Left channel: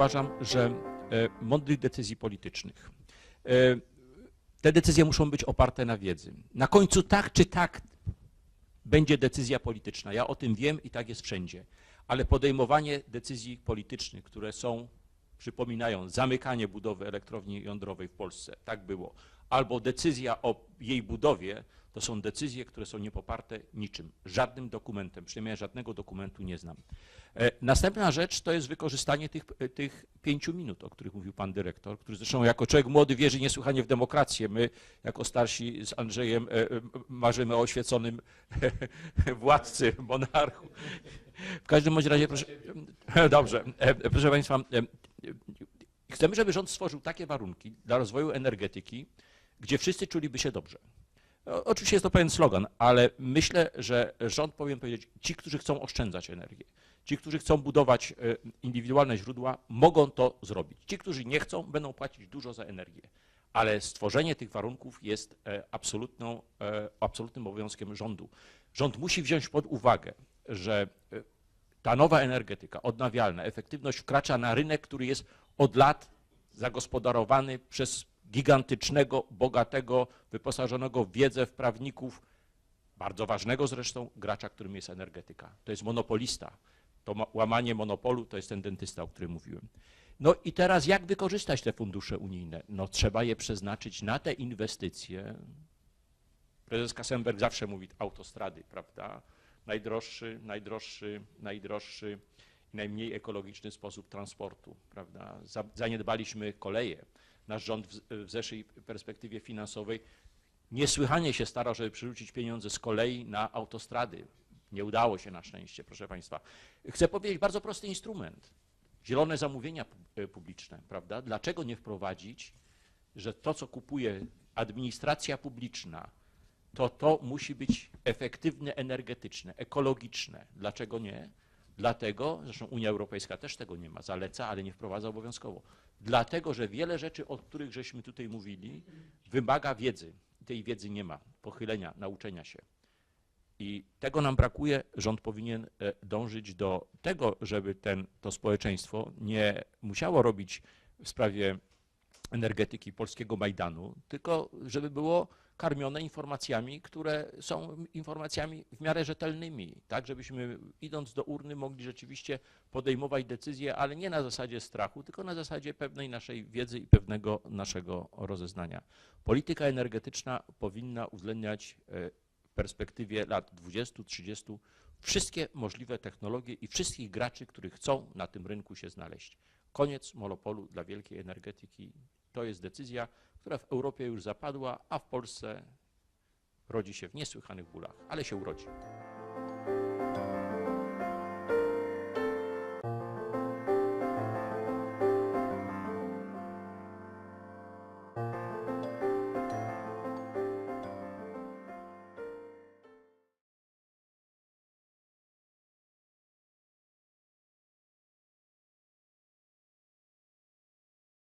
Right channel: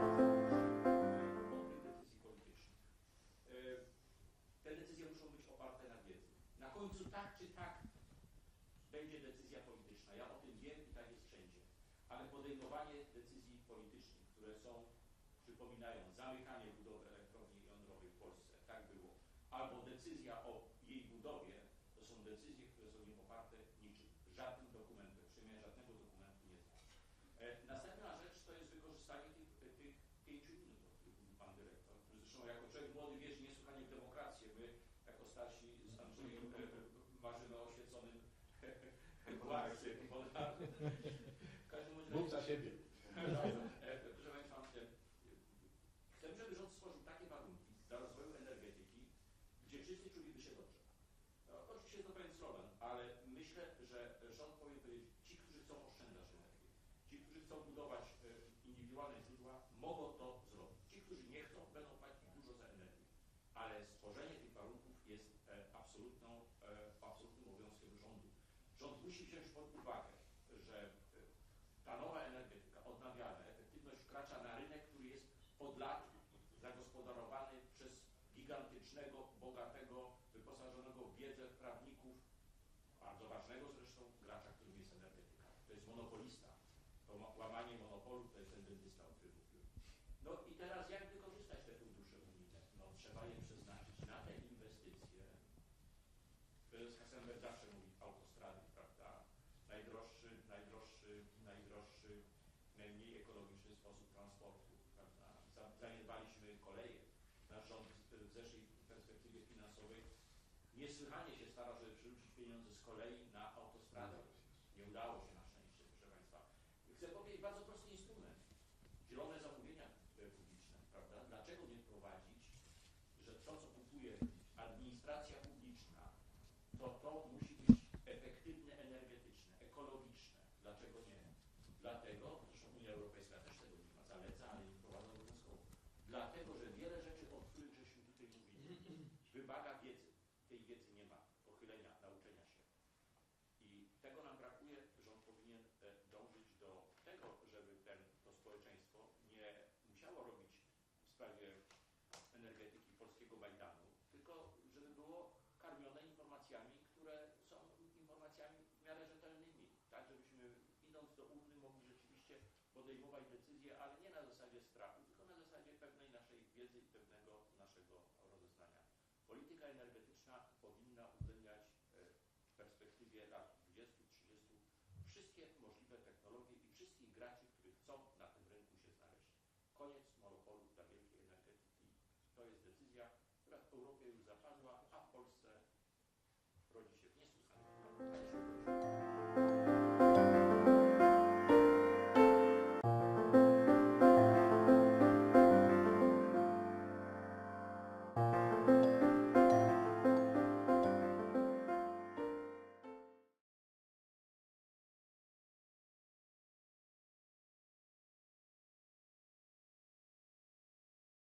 uważam, że e, mądrych decyzji politycznych. E, Te decyzje muszą być oparte na wiedzy. Na końcu tak czy tak będzie decyzja polityczna. Ja o tym wiem i tak jest wszędzie. Ale podejmowanie decyzji politycznych, które są, przypominają, zamykanie budowy elektrowni jądrowej w Polsce, tak było, albo decyzja o jej budowie, to są decyzje, które są niepoparte niczym, żadnym dokumentem, przynajmniej żadnego dokumentu nie znam. E, Następna rzecz to jest wykorzystanie tych, e, tych pięciu minut, o których mówił pan dyrektor, który zresztą jako człowiek młody wierzy niesłychanie w demokrację. My jako starsi z Andrzejem e, marzymy o oświeconym władcy, monarchu. W każdym bądź razie, proszę, dobrze, proszę państwa, chcemy, żeby rząd stworzył takie warunki dla rozwoju energetyki, gdzie wszyscy czuliby się dobrze. Oczywiście jest to pewien slogan, ale myślę, że rząd powinien powiedzieć, ci, którzy chcą oszczędzać energię, ci, którzy chcą budować e, indywidualne źródła, mogą to zrobić. Ci, którzy nie chcą, będą płacić dużo za energię. Ale stworzenie tych warunków jest e, absolutną, e, absolutnym obowiązkiem rządu. Rząd musi wziąć pod uwagę, że ta nowa energetyka odnawialna, efektywność wkracza na rynek, który jest od lat zagospodarowany przez gigantycznego, bogatego, wyposażonego w wiedzę, w prawników, bardzo ważnego zresztą gracza, którym jest energetyka. To jest monopolista. To ma- łamanie monopolu to jest ten dentysta, o którym mówiłem. No i teraz jak wykorzystać te fundusze unijne? No trzeba je przeznaczyć na te inwestycje. Prezes Kassenberg zawsze mówi autostrady, prawda? Najdroższy, najdroższy, najdroższy, najmniej ekologiczny sposób transportu, prawda? Za- Zaniedbaliśmy koleje. Nasz rząd w zeszłej perspektywie finansowej niesłychanie się starał, żeby przerzucić pieniądze z kolei na autostrady. Nie udało się na szczęście, proszę Państwa. Chcę powiedzieć bardzo prosty instrument. Zielone zamówienia e, publiczne, prawda? Dlaczego nie wprowadzić, że to, co kupuje administracja publiczna, to to musi być efektywne energetyczne, ekologiczne. Dlaczego nie? Dlatego, zresztą Unia Europejska też tego nie ma, zaleca, ale nie wprowadza obowiązkowo. Dlatego, że wiele rzeczy, o których żeśmy tutaj mówili, wymaga wiedzy. Tej wiedzy nie ma, pochylenia, nauczenia się. I tego nam brakuje. Rząd powinien e, dążyć do tego, żeby ten, to społeczeństwo nie musiało robić w sprawie energetyki polskiego Majdanu, tylko żeby było karmione informacjami, które są informacjami w miarę rzetelnymi, tak żebyśmy idąc do urny mogli rzeczywiście podejmować decyzje, ale nie na zasadzie strachu, tylko na zasadzie pewnej naszej wiedzy i pewnego naszego rozeznania. Polityka energetyczna powinna uwzględniać e, perspektywie lat 20-30 wszystkie możliwe technologie i wszystkich graczy, którzy chcą na tym rynku się znaleźć. Koniec monopolu dla wielkiej energetyki. To jest decyzja, która w Europie już zapadła, a w Polsce rodzi się w niesłychanych bólach, ale się urodzi.